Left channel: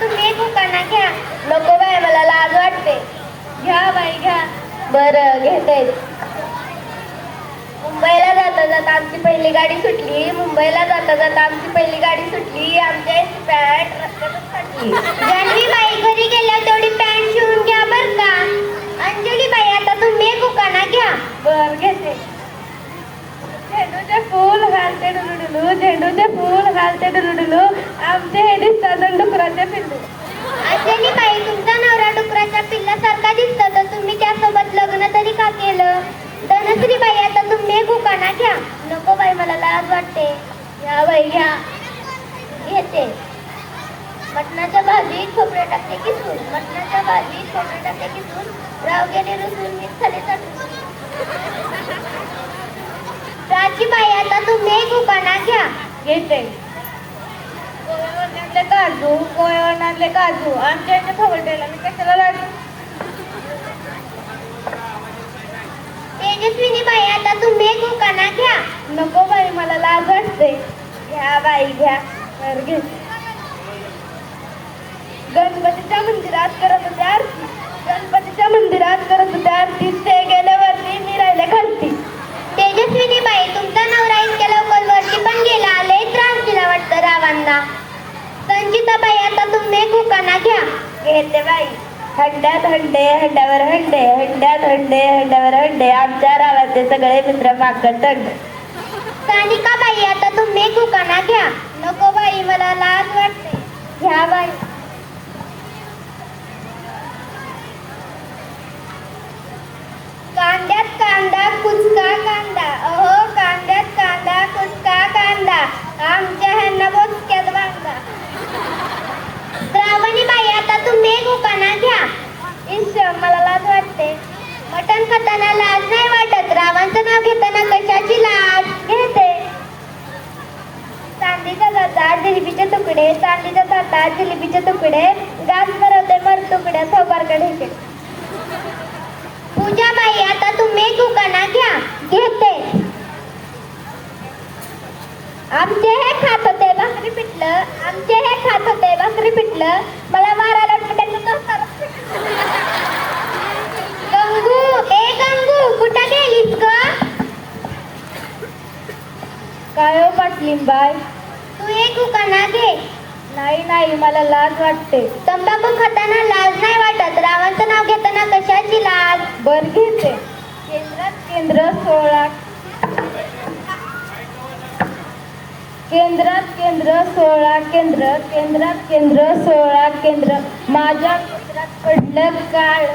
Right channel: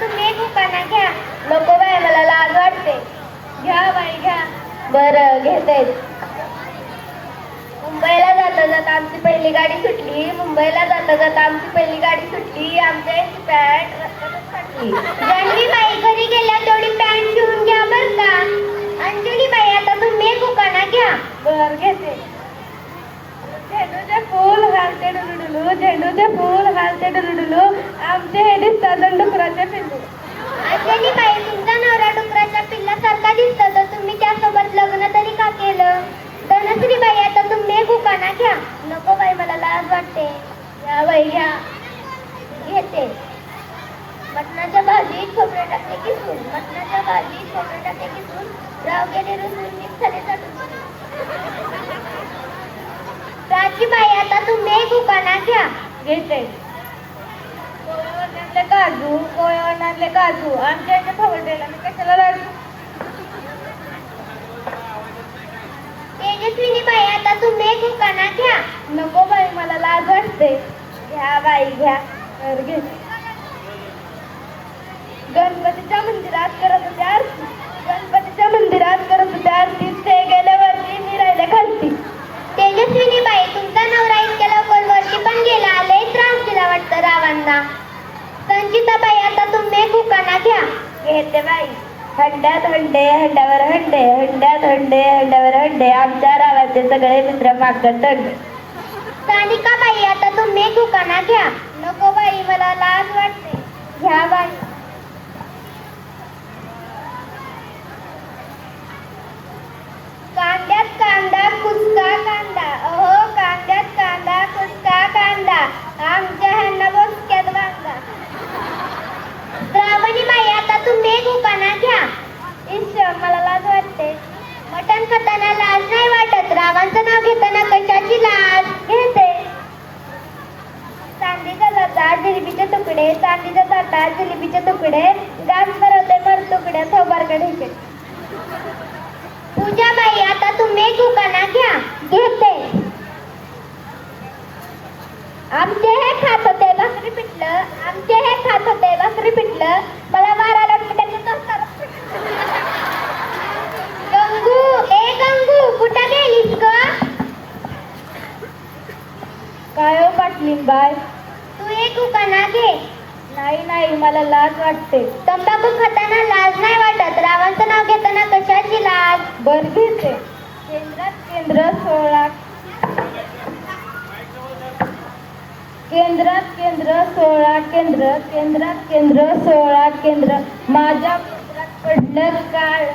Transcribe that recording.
तुम्ही दुकाना घ्या. नको बाई मला लाज वाटते. घ्या बाई घ्या. बरं घेते. मुंबईला जाता जाता आमची पहिली गाडी सुटली. मुंबईला जाता जाता आमची पहिली गाडी सुटली. आमच्या इथे पॅन्ट रस्त्यातच फाटली. जानवी बाई घरी गेल्या तेवढी पॅन्ट शिवून घ्या बर का. अंजली बाई आता तुम्ही दुकाना घ्या. बर घेते. झेंडूचे फूल घालते डुलुडुलू. झेंडूचे फूल घालते डुलुडुलू. आमचे हे दिसतात डुकराचे पिल्लू. अंजली बाई तुमचा नवरा डुकराच्या पिल्लासारखा दिसतो तर तुम्ही त्यासोबत लग्न तरी का केलं. धनश्री बाई आता तुम्ही दुकाना घ्या. नको बाई मला लाज वाटते. या बाई घ्या. घेते. मटणाच्या भाजीत खोबरे टाकले किसून. मटणाच्या भाजीत खोबरे टाकले किसून. राव गेले रुसून मिक्सरने टाकून. राजीबाई आता तुम्ही दुकाना घ्या. घेते. कोळवण आणले काजू. कोळवण आणले काजू. आमच्या इथे खबरदायला मी कशाला लागलो. तेजस्विनी बाई आता तुम्ही दुकाना घ्या. नको बाई मला लाज वाटते. घ्या बाई घ्या. घे. गणपतीच्या मंदिरात करत होते आरती. गणपतीच्या मंदिरात करत होते आरती. ते गेल्यावरती मी राहिले खालती. तेजस्विनी बाई तुमचा नवरा इतक्या लवकर वरती पण गेला. लय त्रास दिला वाटतं रावांना. संचिता बाई आता तुम्ही दुकाना घ्या. घेते बाई. हंड्यात हंडे हंड्यावर हंडे. हंड्यात हंडे हंड्यावर हंडे. आमच्या रावाचे सगळे मित्र मागत हंडे. सानिका बाई आता तुम्ही दुकाना घ्या. नको बाई मला लाज वाटते. घ्या बाई. कांद्यात कांदा कुचका कांदा. अहो कांद्यात कांदा कुचका कांदा. आमच्या ह्यांना बोचक्यात बांधा. श्रावणी बाई आता तुम्ही दुकाना घ्या. ईश्वर मला लाज वाटते. मटण खाताना लाज नाही वाटत. रावांचं नाव घेताना कशाची लाज. घेते. चांदीच्या जातात जिलेबीचे तुकडे. चांदीच्या जातात जिलेबीचे तुकडे. गास भरवते मर तुकडे थोबरकडे. पूजा बाई आता तुम्ही दुकाना घ्या. घेते. आमचे हे खात होते भाकरी पिठलं. आमचे हे खात होते भाकरी पिठलं. मला मारायला पिठाचं तोफतात. गंगू ए गंगू कुठं गेलीस ग. काय हो पाटलीन बाय. तू एक दुकाना घे. नाही नाही मला लाज वाटते. तंबाखू खाताना लाज नाही वाटत. रावांचं नाव घेताना कशाची लाज. बर घेते. केंद्रात केंद्र 16. केंद्रात केंद्र 16 केंद्र. केंद्रात केंद्र 16 केंद्र. माझ्या केंद्रात पडलं काळ.